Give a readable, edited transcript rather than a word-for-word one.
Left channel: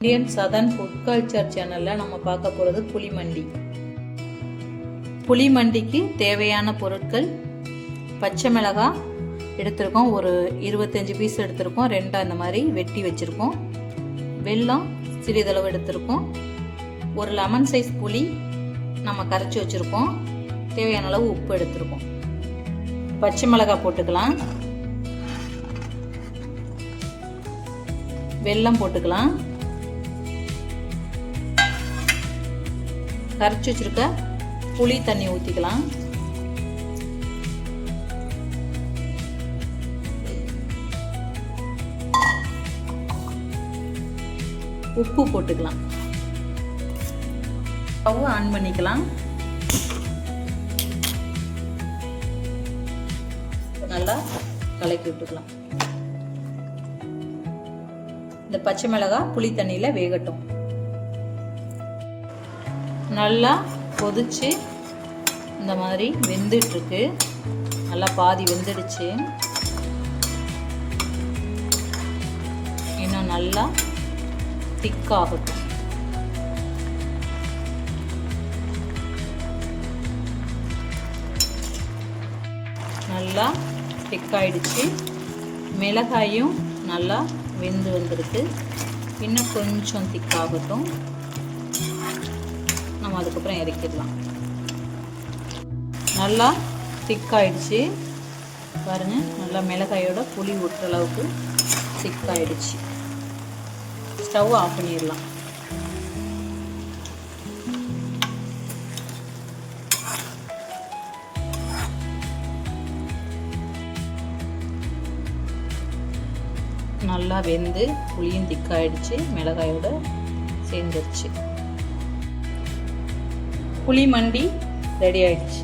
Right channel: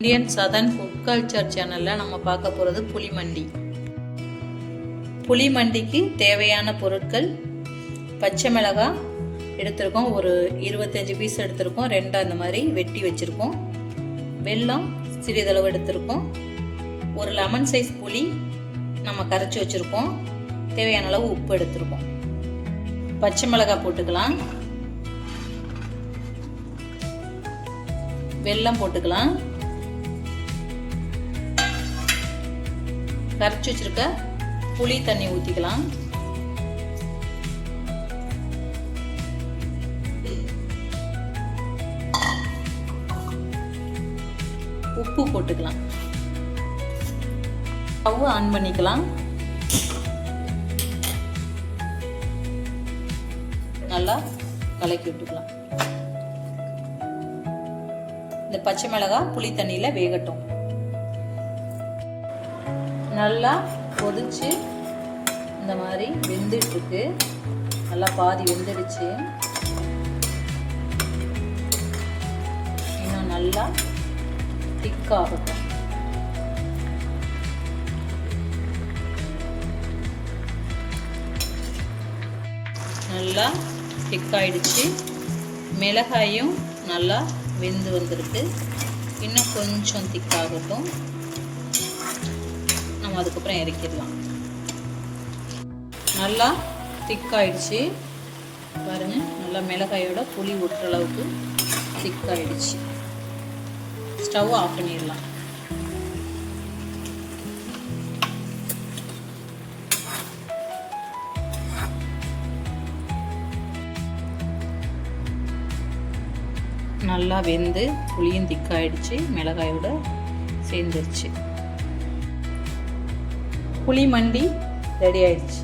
Indian southern food culture சேனலில் நம்ம பார்க்க போகிறது புளிமண்டி. புளிமண்டிக்கு தேவையான பொருட்கள்: பச்சை மிளகாய் எடுத்திருக்கோம், ஒரு 25 பீஸ் எடுத்திருக்கோம், 2 அந்த மாதிரி வெட்டி வச்சுருக்கோம். வெல்லம் சிறிதளவு எடுத்திருக்கோம். ஒரு லெமன் சைஸ் புளி நம்ம கரைச்சி வச்சுருக்கோம். தேவையான அளவு உப்பு எடுத்திருக்கோம். பச்சை மிளகாய் போட்டுக்கலாம், வெல்லம் போட்டுக்கலாம், கரைச்சி வச்சிருக்க புளி தண்ணி ஊற்றிக்கலாம், உப்பு போட்டுக்கலாம், ஸ்டவ் ஆன் பண்ணிக்கலாம். நல்லா கலக்கி விட்டுக்கலாம். இந்த பச்சை மிளகாய் புளி தண்ணியில் வேகட்டும். நல்லா கொதிச்சு இந்த மாதிரி வெந்துட்டுருக்கு. நல்லா பாதி வெந்துடுச்சு. இன்னும் நல்லா திக்காகட்டும். நல்லா திக்காயிடுச்சு. மிளகாயும் நல்லா வெந்து வந்திருக்கு. இன்னும் கொஞ்சம் திக்காகட்டும். நம்ம அதுக்கப்புறம் இறக்கிடலாம். நல்லா திக்காயிடுச்சு பாருங்கள். நல்லா மிளகாயோட புளி ஊற்றுற அளவுக்கு திக்காயிடுச்சு. ஸ்டவ் ஆஃப் பண்ணிடலாம். நல்லா வெந்து புளியும் திக்காயிடுச்சு, மிளகாயோட சேர்ந்துருச்சு. புளிமண்டி ரெடி ஆயிடுச்சு.